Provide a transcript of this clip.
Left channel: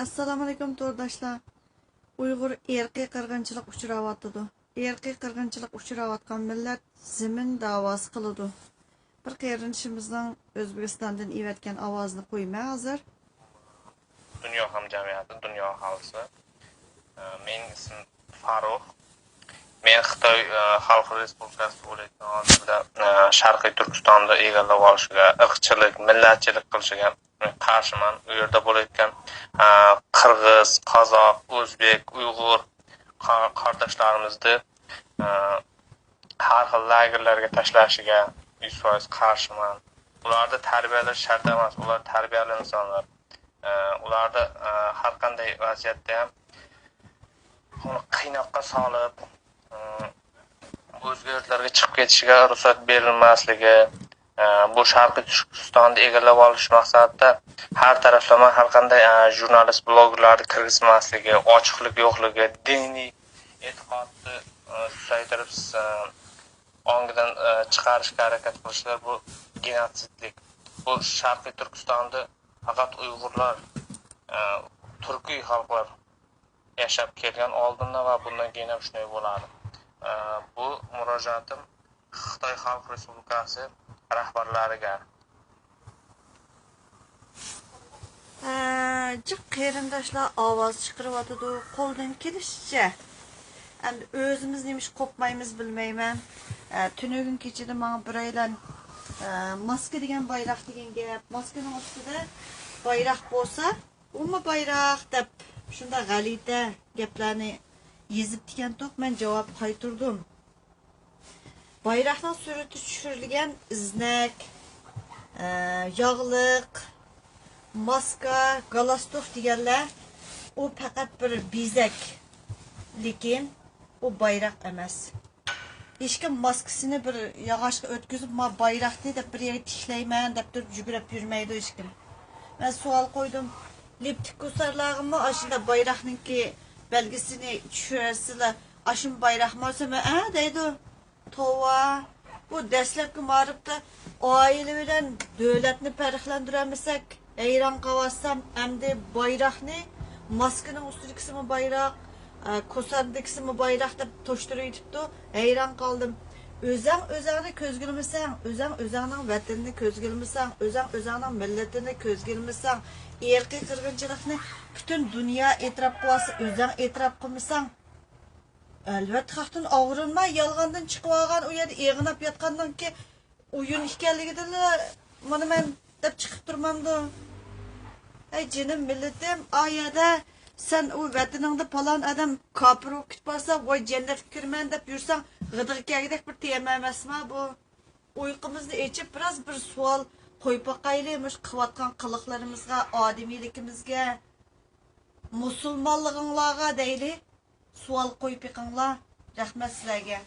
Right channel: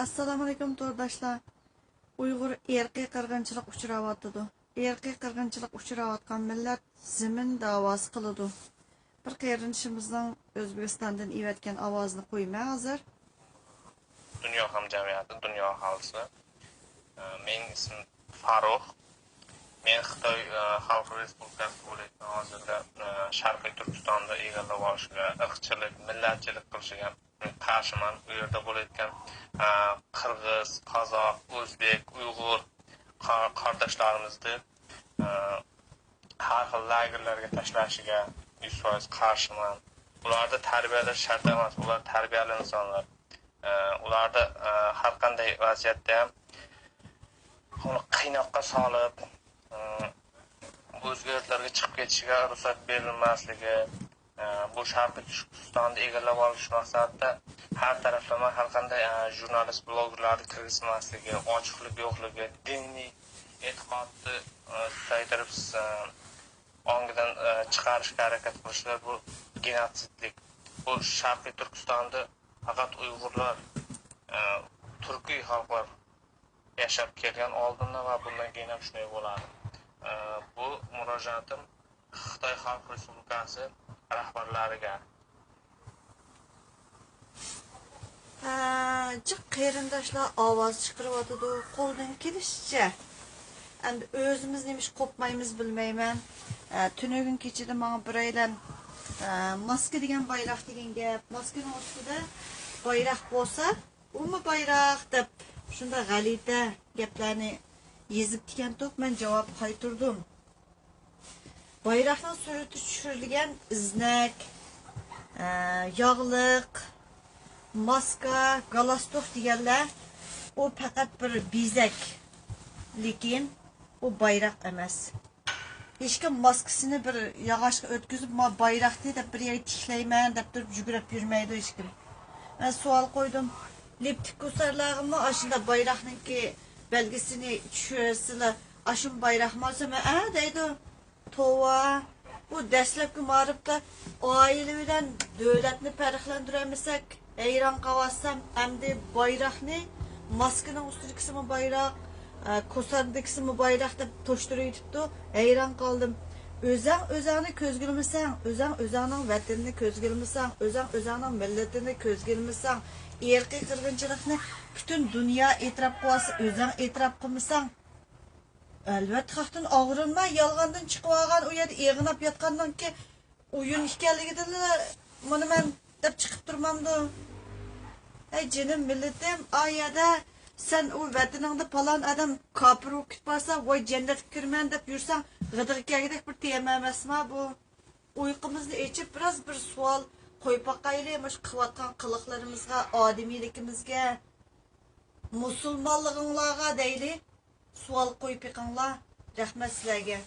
Assalomu alaykum to'rdoshlar. Uyg'ur erkiy qirg'inchilik uchrayotdi. Erkiy qirg'inchilik uchrayotgan millat zimin da'vosi qiladi. Bir qarindoshimizning O'zbekistondan evatgan ovozini qo'ymay hozir. Dunyo hamjamiyati, dunyo aholisi. Mening ismim Farruh. Men Xitoy Xalq Respublikasi bo'layotgan hozirda Sharqiy Turkistonda egallab olishiga, irqchilik, millatchilik qilishiga qarshiman. U yerda bo'layotgan Qirg'iz, Qozoq, O'zbek, Uyg'ur qardoshlarimizni har xil lagerlarga tashlashiga 100% qarshiman. Ularni tarbiyalash shart emas, ular tarbiyali insonlar. Ularni har qanday vaziyatda ham uni qiynoqqa solib, o'zga yurtlarga chiqib ketishiga ruxsat berilmasligi, bu Sharqiy Turkistonni egallab olish maqsadida har taraflama har qanday jurnalist, blogerlarni kirgizmasligi, ochiqlik yo'qligi, diniy e'tiqodni susaytirib ongidan chiqarishga harakat qilishlar, bu genotsidlik. Bu Sharqiy Turkistonda faqat Uyg'urlar, turkiy xalqlar yashab kelgan oldindan va bundan keyin ham shunday bo'ladi. Bu murojaatim Xitoy Xalq Respublikasi rahbarlariga. Qarindoshlar ovoz chiqaryapti, qo'ldan kelishicha. Endi o'zimiz nima ish qopmaymiz bilmayman. Tunugun kechida menga bir aylan maska degan bayroq degan gap, maskaning ustida bayroq bo'lsa, umi bayroq deb shunda g'alita gaplarni yezib degan to'q men javob qaytardim. Bayroqning surati tushirilgan iznak, yog'liq, maska, galastok deganlar o faqat bir bezak. Lekin o bayroq emas. Hech kim maskasini bir yog'ochga o'tkazib, "Ma bayroqni deb bir yerga tishlayman" deb turib yugurib yurmaydi hech kim. Men savol qo'ydim. Leptik kusarlarımı aşında bayraknınki belgesini düşürürsüler. Aşın bayrak malzeme deydi. Tova. Bu deslepki marıpta aile bilen devletini periklendiremesek eyran kavassam hem de bayrakni maskenin üstündeki kısmı bayrak, kusandaki kısmı bayrak da toşturuyor tuttu. Eyran kaldım. Özeni közgülmesen, özenin vatanını közgülmesen, özenin milletini közgülmesen, erkiy qirg'inchilikni bütün dünya e'tirof qilsa, o'zing e'tirof qilmasang, albatta xalqdan og'rinma, yolg'ondan chiqib olgan u yerda eg'inab yotgandan keyin o'yin ekanligidan mana men deb chiqib turmamdi. Ey jinim millatim, oyada sen o vataningda falon adam kofir bo'lib ketsa, voy jannatga kirman deb yursang, g'idirkagidek bir tema emasmi bu? Uyqumizni echib biraz bir savol qo'yib boqaylik, mush qilayotgan qiliqlarimizga, odamiyligimizga, musulmonliginglarga deylik, savol qo'yib yiqinglar. Rahmat sizlarga.